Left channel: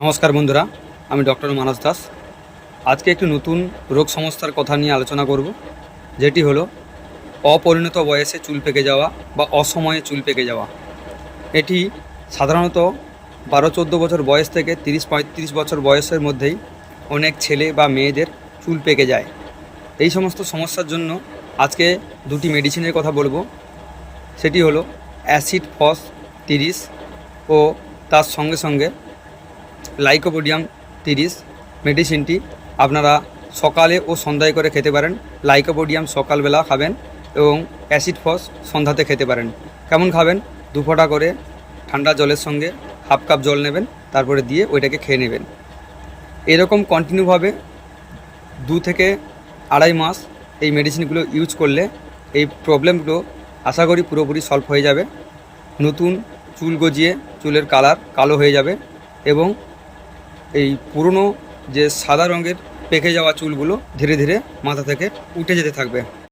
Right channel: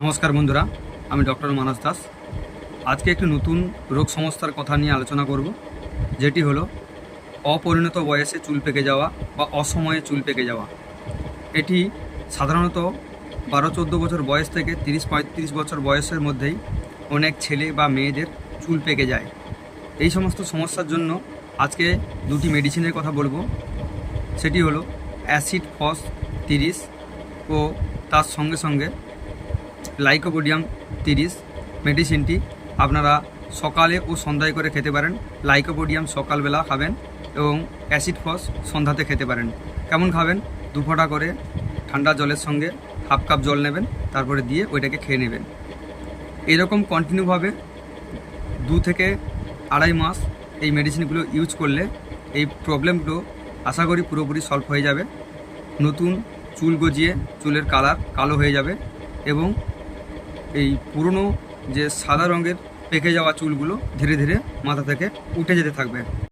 নমস্কার বন্ধুরা, আমি ডক্টর মানস দাস। আজকে একটি নতুন রোগ সমস্যার কথা নিয়ে আলোচনা করব, যেটি হলো অপরিণত বয়সে চুল পেকে যাওয়া বা অসময়ে চুল পেকে যাওয়া। এটি সাধারণত 12-14 বছর বয়স থেকে 30-35 বছর বয়সের মধ্যেই অনেক ছেলে বা মেয়েদের চুল পেকে যায়। এই সমস্ত সমস্যার জন্য আজকে দুটি মেডিসিনের কথা বলবো। সেটি হলো অ্যাসিড ফস 30 ও তার সঙ্গে সঙ্গে লাইকোপোডিয়াম 30। মেডিসিনটি আপনারা সকালে ও সন্ধ্যায় করে খেতে পারেন। লাইকোপোডিয়াম সকালবেলা খাবেন এবং অ্যাসিড ফস সন্ধ্যাতে খেতে পারেন। কেমন খাবেন? 2 ফোঁটা করে ঠান্ডা জলের সঙ্গে হাফ কাপ জল নেবেন, তারপরে দিয়ে ওইটাকে খেয়ে নেবেন। এরকম কন্টিনিউভাবে 2 থেকে 2.5 মাস এই মেডিসিনগুলো ইউজ করলে এই প্রবলেমগুলো আশা করি পুরোপুরি সলভ হয়ে যাবে। নতুন চুল গজিয়ে চুলের কালার কালো হয়ে যাবে এবং এই পুরনো যে সাদা রঙের পেকে যাওয়া চুলগুলো ধীরে ধীরে মাথা থেকে উঠে যেতে থাকবে।